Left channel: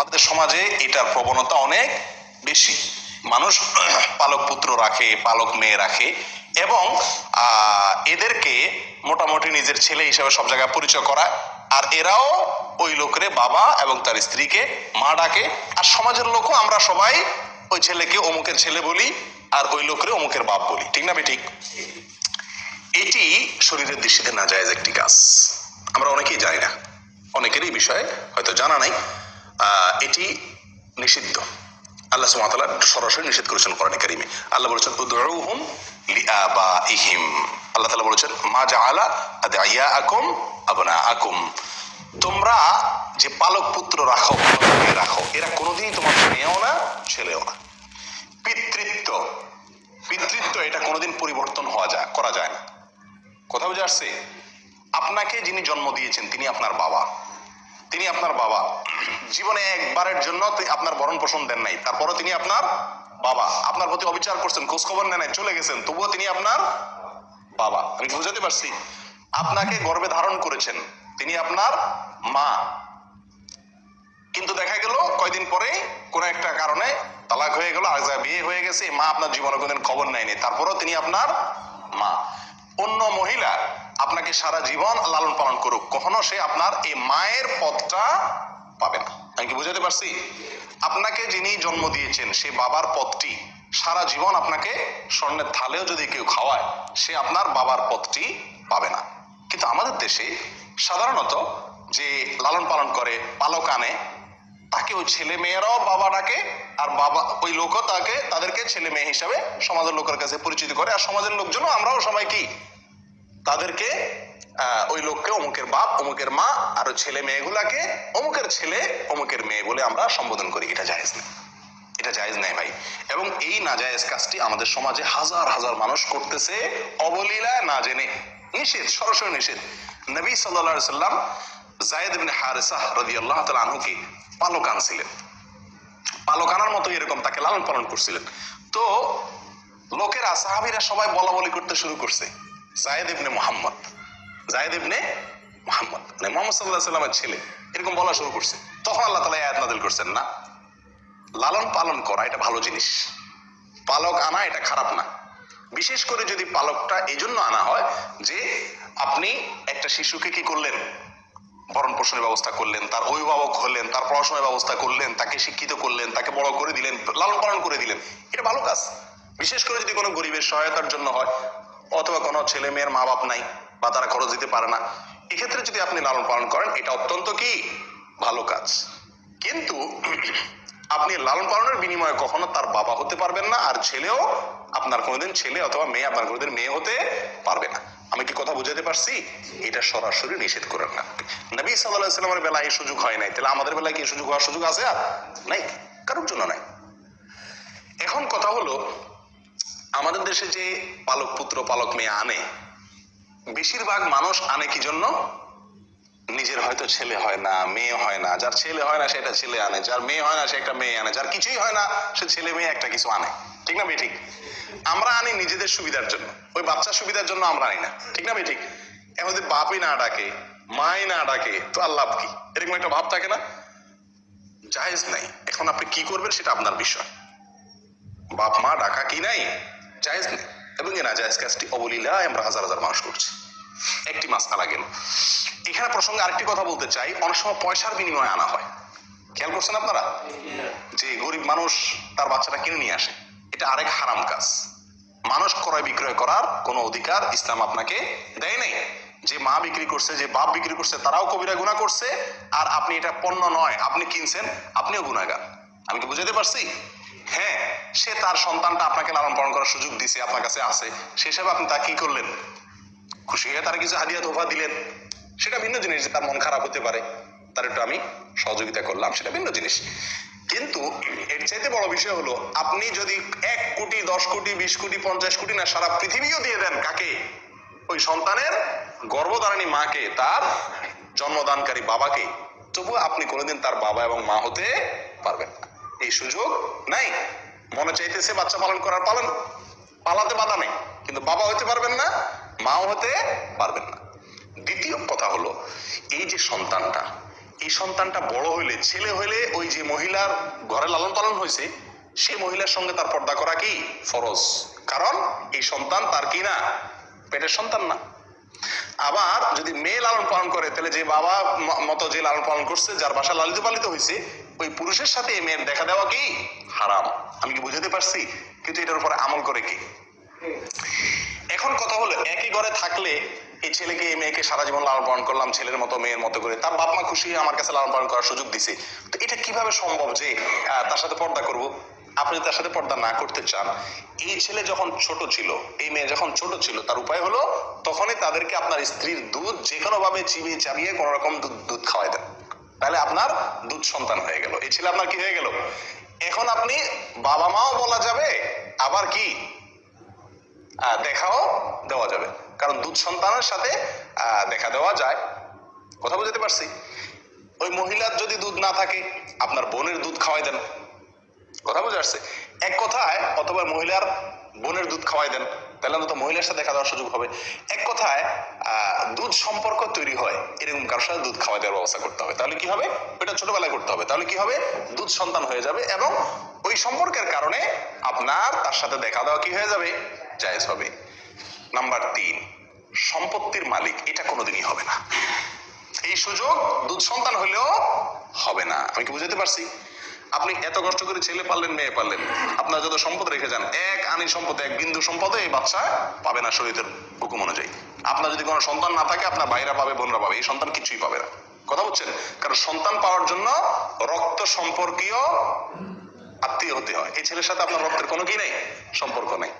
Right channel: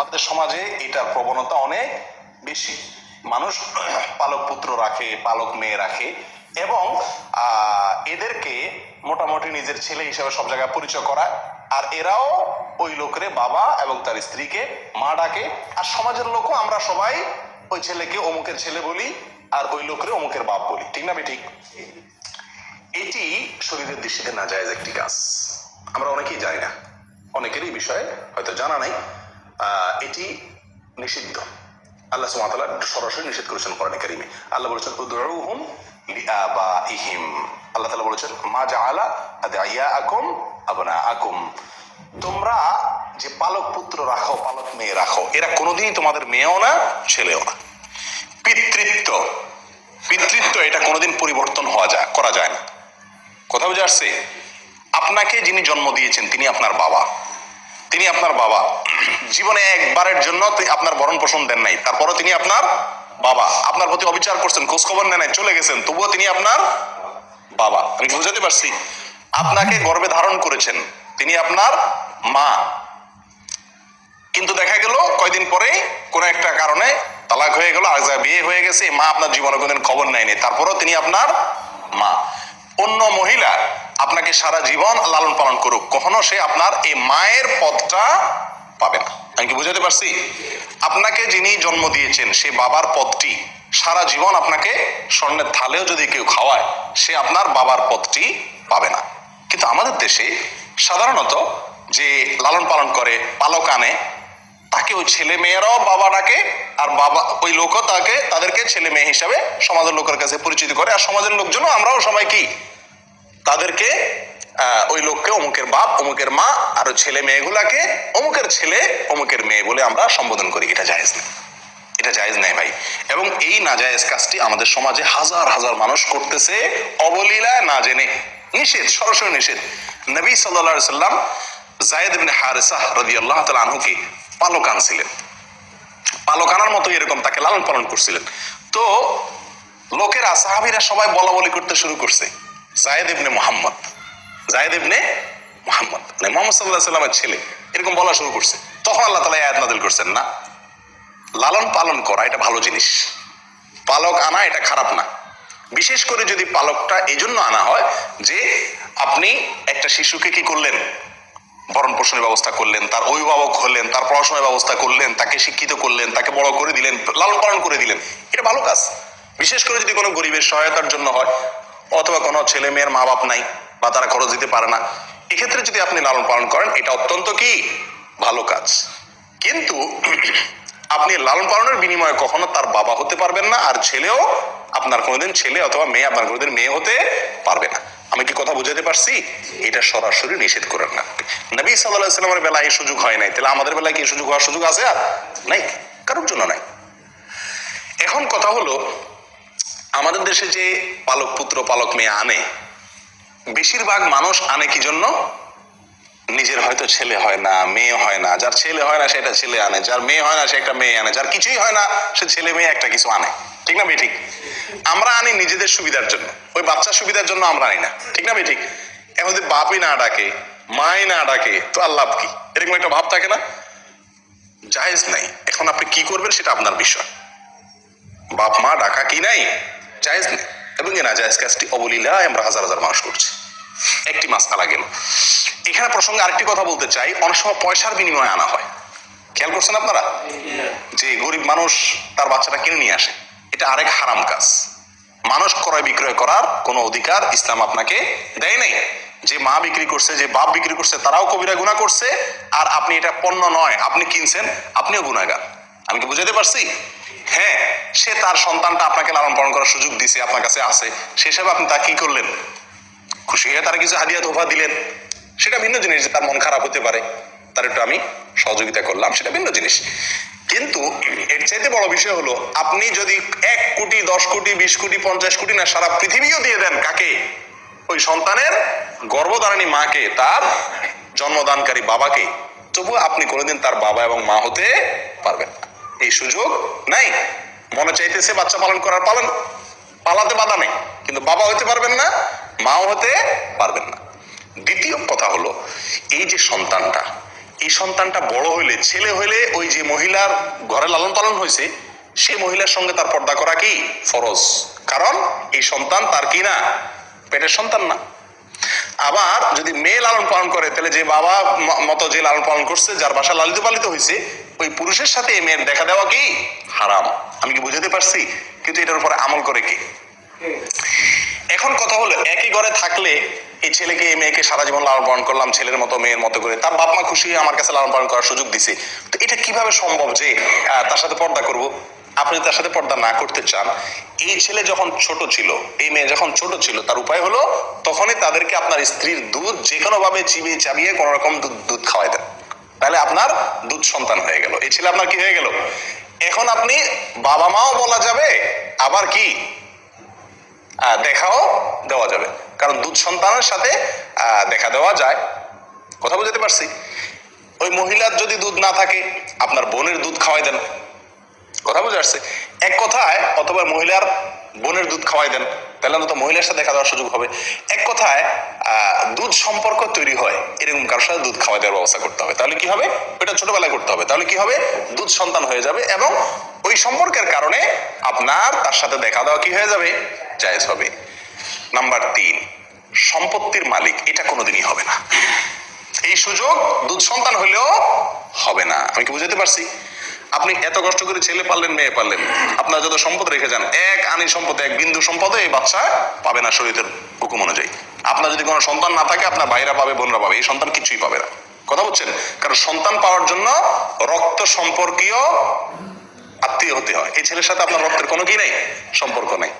আমাদের সমাজে এটার প্রবণতা অনেক বেশি। মানুষ পালক পুত্র রাখে, পালক মেয়ে রাখে এবং এদেরকে মোটামুটি নিজের ছেলে হিসেবে সব জায়গায় পরিচয় করায়, আর এরাও ওই লোকের বাবা এবং তার স্ত্রীকে মা ডাকে। আর সমাজের লোকও আমরা সবাই ওই ছেলেকে অমুকের ছেলে বলি আর ওই লোকের অমুকের বাপ বলি, ঠিক না বেঠিক? এটি শরীরের দৃষ্টিতে নাজায়েজ একটি কাজ, আমরা অনেকেই জানি না, অনেকেরই বিষয়ে হয়তো জানা নাই। এটি নিষিদ্ধ, আল্লাহ সুবহানাহু ওয়া তাআলা সরাসরি নিষেধ করেছেন কোরআনে কারীমে। আল্লাহ বলেছেন উদউহুম লিআবাইহিম, আল্লাহ তাআলা বলেছেন মা জাআলা আদইয়াআকুম আবনাআকুম, তোমরা যে পালক পুত্র রাখো, পালক মেয়ে রাখো, এরা কোনোদিনই তোমাদের মেয়েও না ছেলেও না। পিতৃত্ব এটা কোনোদিন পরিবর্তন করা যায় না। কথা বুঝে আসছে? আপনাকে যিনি জন্ম দিয়েছেন তিনি আপনার বাবা, তিনি আপনার বাবা। জীবনে একবারের জন্য আপনার ভরণ পোষণ দেন নাই, তারপরও তিনি আপনার বাবা। আপনার প্রতি অবিচার করছেন, খোঁজ খবর নেন নাই, চলে গেছেন, তবুও তিনি আপনার বাবা। আমি বুঝাতে পারছি? আপনাকে গর্ভে ধারণ করেছেন, তিনি আপনার মা। কিন্তু দেখা গেল কয়দিন পরে কোন একটা কারণে তালাক হয়ে গেল, আর বিয়ে হয়ে গেছে, মা আপনার জীবনে কোনদিন খবর নেয়নি, তারপরও তিনি আপনার মা। অন্য মহিলা আপনাকে সারা জীবন লালন পালন করুক, কখনো সে আপনার এই মায়ের পদটা পাবে না। আমি কি বুঝাতে পারছি? আপনাকে যিনি জন্ম দিয়েছেন সে বাবার পদটি সারা জীবন আপনাকে স্বর্ণের থালেও যদি কেউ খাওয়ায়, সে আপনার বাবার পদটি পাবে না। কিন্তু আমাদের দেশে সাধারণত যে লালন পালন করে, পালক আনে, তাকে ওই ছেলে মেয়েরাও বাবা ডাকে, আর বাবা ওই লোকও তাদেরকে ছেলে মেয়ে হিসাবে সমাজের লোকের কাছে পরিচিত করে। আর সমাজের লোকজনও আমরাও সবাই কি তাদেরকে ওই লোককে অমুকের বাপ, অমুকের মা, আর ছেলে মেয়েগুলাকে অমুকের ছেলে, অমুকের মেয়ে বলে আমরা সম্বোধন করি। এটা জায়েজ নেই, এটা জায়েজ নেই ভাই। এবং এই নাজায়েজ কাজটি আমাদের সমাজে হাজার হাজার মানুষ করতেছে অবলীলায়, না জেনে। নিষেধ, সরাসরি নিষেধ। নবী সাল্লাল্লাহু আলাইহি সাল্লাম যায়েদ ইবনে হারেসা রাদিয়াল্লাহু তাআলা আনহুকে পালক আনছিলেন, পালক আনার মতো এরকম তাকে লালন পালন করছিলেন। তো লোকেরা, সাহাবীরা সবাই বলা বলি করতে শুরু করছে, যায়েদ ইবনে মুহাম্মদ, যায়েদ ইবনে মুহাম্মদ, মানে মুহাম্মদ সাল্লাল্লাহু আলাইহি সাল্লামের ছেলে, এরকম বলা শুরু করছে। তখন আল্লাহ তাআলা আয়াত নাযিল করছেন, না, লালন পালন করা এটা ভালো জিনিস, পালক আনা এটা খারাপ না। বিশেষ করে যদি পালকটা এই জন্য আনা হয় যে আপনি একটা শিশুকে কি করলেন, ভরণ পোষণের ব্যবস্থা করলেন, তার অভিভাবক হলেন, তার পড়াশোনার ব্যবস্থা করলেন, তাকে শিক্ষিত করলেন, তাকে বড় করে দিলেন, লালন পালন করে দিলেন, এটা ভালো কাজ। বিশেষ করে যদি কোনো গরিবের সহায়তার জন্য হয়, অথবা কোনো ছেলে মেয়ের মা বাপ নাই বা তারা খরচ দিতে পারে না, এক্ষেত্রে যদি আপনি লালন পালন করেন, এটা অত্যন্ত কি ভালো কাজ। কিন্তু আপনি লালন পালনের বিনিময়ে কখনো তার বাবা হতে পারবেন না, আর ছেলেও আপনার কোনোদিন ছেলে অথবা মেয়ে আপনার কোনোদিন মেয়ে হতে পারবে না। আমি কি কথা বুঝাতে পারছি? এটা সরাসরি নিষেধ করেন না। নবী সাল্লাল্লাহু আলাইহি ওয়াসাল্লামের বেলায় এই সুযোগ হয় নাই, তাহলে আমাদের বেলায় কি সুযোগ হওয়ার সুযোগ আছে? আর নাই, কারোর জন্য নাই। এখন কথা হলো, আমাদের দেশে যে পালক পুত্র পালক মেয়ে আনে, বেশিরভাগ মানুষ আনে কি জন্য? নিজের হয়তো ছেলে হয় না, মেয়ে হয় না, যার ছেলে হয় না সেটা ছেলে আনে, যার মেয়ে হয় না সে একটা মেয়ে আনে, যার কিছুই হয় না সে ছেলে মেয়ে একটা কিছু আনে, ঠিক না বেঠিক? আমরা আনি নিজেদের সুবিধার জন্য, ওই বাচ্চার সুবিধার জন্য আমরা আনি না, ঠিক না বেঠিক? এখন যদি বাপই না ডাকে, মাই না ডাকে, তো আর লাভ কি? এরকম একটা ভাব থাকে না? জায়েজ নাই। এখন আপনি কি করবেন সেটা আপনার বিষয়। বাপ মা ডাকা কি নাই, জায়েজ নেই। এবং এই নাজায়েজ কাজটি অবলীলায় আমরা হাজার হাজার মানুষ করছি। একটি মাসআলা গেল। এখানে প্রসঙ্গে আরেকটি কথা বলতে চাই, অনেক সময় পয়সার বিনিময়ে আনা হয়, খেয়াল করছেন আপনারা? যে গরিব মানুষ তার বাচ্চাটা কিনে নিয়ে আসে, এটা আরেক হারাম কাজ। মানুষ ক্রয় বিক্রয় করার কোনো অধিকার ইসলাম আপনাকে দেয় নাই। যে মা বিক্রি করছে, যে বাপ বিক্রি করছে, তারাও কবিরা গুনাহ করছে, আর আপনি এটা পণ্য নয়, আপনি কিনছেন, আপনিও গুনাহগার। আমি কি বুঝাতে পারছি? হ্যাঁ, সে তার সন্তানটা আপনাকে লালন পালন করার সুযোগ দিছে, আপনার কাছে আছে, সে হিসাবে আপনি তা কি করলেন? খুশি হয়ে তার কিছু হাদিয়া তোফা দিলেন, সেটা ভিন্ন জিনিস। যে তার মন খারাপ হতে পারে, তার একটু আমি সহযোগিতা করলাম, সেটা ভিন্ন জিনিস। কিন্তু এর চাইতে বড় বিষয় হলো, আপনি যদি 1 কোটি 10 কোটি 20 কোটি 50 কোটি না সারা পৃথিবীও দিয়ে দেন, কাকে? ওই সন্তানের গর্ভধারিণী মাকে, তার জন্মদানকারী বাবাকে, তবুও আপনি কোনোদিন তার বাবা এবং মা হতে পারবেন না। এই সুযোগ নাই। মনে চাইতেছে বাচ্চা পালন করার, পালাতে বাধা নেই, কিন্তু বাবা হতে পারবেন না, মাও হতে পারবেন না। দ্বিতীয় কথা হলো, এই যে সন্তানটা, এই সন্তানটা বড় হইলে, ছেলে হইলে ওই যে মহিলার ঘরে লালন পালন হয়েছে সেই মহিলার সঙ্গে তার পর্দা করা কি ফরজ, কারণ এই সন্তান তার কি না, পেটের সন্তান না। আবার যদি মেয়ে লালন পালন করে তাহলে যে বাবা মতো যে লালন পালন করছে, যার বাসা লালিত পালিত হয়েছে, ওই পুরুষের সাথে এই মেয়ের দেখা দেওয়া কি হারাম। আমি কি বুঝাতে পারছি? কিন্তু এটার উপরে আমল করে কি? এখন কথা হলো, একই ঘরে থাকলে এই ছেলেকে এই মেয়েকে সারা জীবন লালন পালন করলাম ছেলের মতো মেয়ের মতো করে, তার বাপ মা খুশি হয়ে আমার কাছে লালন পালন করার সুযোগ দিছে, তো এটা কিভাবে সম্ভব যে তার সাথে পর্দা করব? আপনি তার সাথে পর্দা না করতে চান, এই ছেলে যখন ছোট ছিল, এই মেয়ে যখন ছোট ছিল, তার উপায় হলো তখনই তাদেরকে আপনার স্ত্রীর দুধ যে কোনো ভাবে চিবিয়ে চাবিয়ে কোন রকম দুধ খাওয়াই দেন, তাহলে আপনার দুধ সন্তান হয়ে গেল, এই ছেলে আপনার কি হয়ে গেল। এখন আপনি বাবা মাও বলা যাবে, আবার কি দেখাও দেওয়া যাবে, কারণ দুধ সন্তানের সাথে দেখা দেওয়া যায়। কথা বুঝতে পারছি? ওই মহিলার যদি দুধ না থাকে আপনার বোনের দুধ খাওয়াই দেন, কথা বুঝে আসছে? এক কথায়, অথবা মহিলার বোনের দুধ খাওয়াই দেন, তাহলে অন্তত মহিলার সাথে দেখা দেওয়ার সুযোগ হবে। এক কথায় দুধ সম্পর্ক তৈরি হয় এরকম কারোর সাথে দুধ খাওয়া দেওয়ার ব্যবস্থা করতে হবে, তাহলে কি হবে, ওইটা ছোটবেলায় করতে হবে, তাহলে কি হবে, দুধ সন্তান হয়ে যাবে এবং ওই সম্পর্কের কারণে আপনার তার সাথে দেখা দেওয়া কি হয়ে যাবে, জায়েজ হবে। নাম্বার 3, সম্পত্তির মালিক এটা কোনোদিনই হবে না, এই সুযোগ দুধ সন্তান হলেও হবে না। আমি কি বুঝাতে পারছি? আপনি এত কষ্ট করে ছেলে পারলেন মেয়ে পারলেন, আপনার যত সম্পদ রেখে যান, এক আনি সম্পদ, এক বিন্দু সম্পদে এই বাচ্চা পাবে না শরীয়তের হুকুম অনুযায়ী। আপনার যদি কোনো সন্তান না থাকে আপনার ভাইরা পাবে, বোনরা পাবে, এই সন্তান কিছুই পাবে না। কথা বুঝছেন? কারণ সন্তান পাওয়ার জন্য রক্ত সম্পর্কীয় আত্মীয় হতে হয়, এই ছেলের সাথে আপনার রক্তের কোনো কি নেই, সম্পর্ক নেই।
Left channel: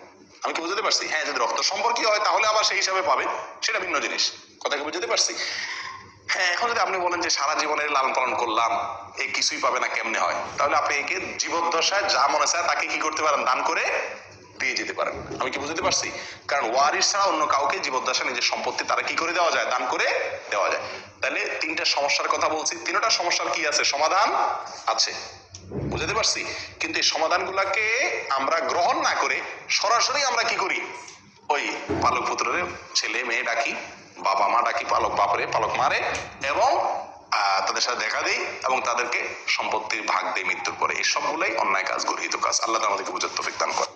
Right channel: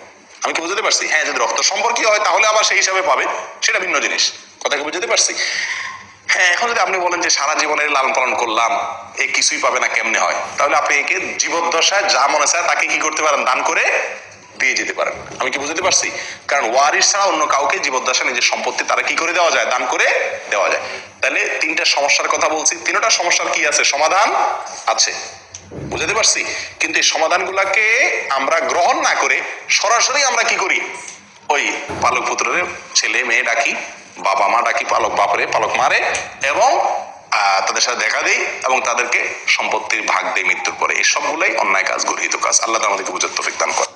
আমি কি বুঝতে পারছি? হ্যাঁ, যদি রক্ত সম্পর্কীয় হয় তাহলে আবার সেই হিসাবে পাবে, সেটা ভিন্ন জিনিস। কথা কি বুঝতে পারছি? হ্যাঁ, এখন যদি আপনি বলেন যে সারা জীবনের লালন পালন করলাম এ কিছুই পাবে না, কেমনে হয়? তাহলে আপনি একে জীবদ্দশায় যা মনে চায় তাকে কি করতে পারেন, দান করে দিয়ে যেতে পারেন। আমি কি বুঝতে পারছি? কারণ ওয়ারিস ছাড়া অন্য কাউকে জীবদ্দশায় নিজের সম্পত্তি তারা কি করে দেওয়া যায়, দান করে দেওয়া যায়। তাহলে 3টা সমস্যার কথা বলছি, 3টা সমস্যার কি আছে, সমাধান আছে, বুঝতে পারছি? কিন্তু এই সমাধানগুলাকে আমরা গ্রহণ না করে সরাসরি আমরা কি করি, ওই পালক পুত্রের ছেলে মেয়ে ডাকি, বাবা মা ডাকি, পালক বাপরে পালক মারে, এবং তাদের সাথে দেখা দিই এবং তাদেরকে সম্পত্তির ভাগ দেয় মৃত্যুর পরে। এই সবগুলাই অন্যায় কাজ, গর্হিত কাজ। আল্লাহ আমাদেরকে বুঝার তৌফিক দান করে।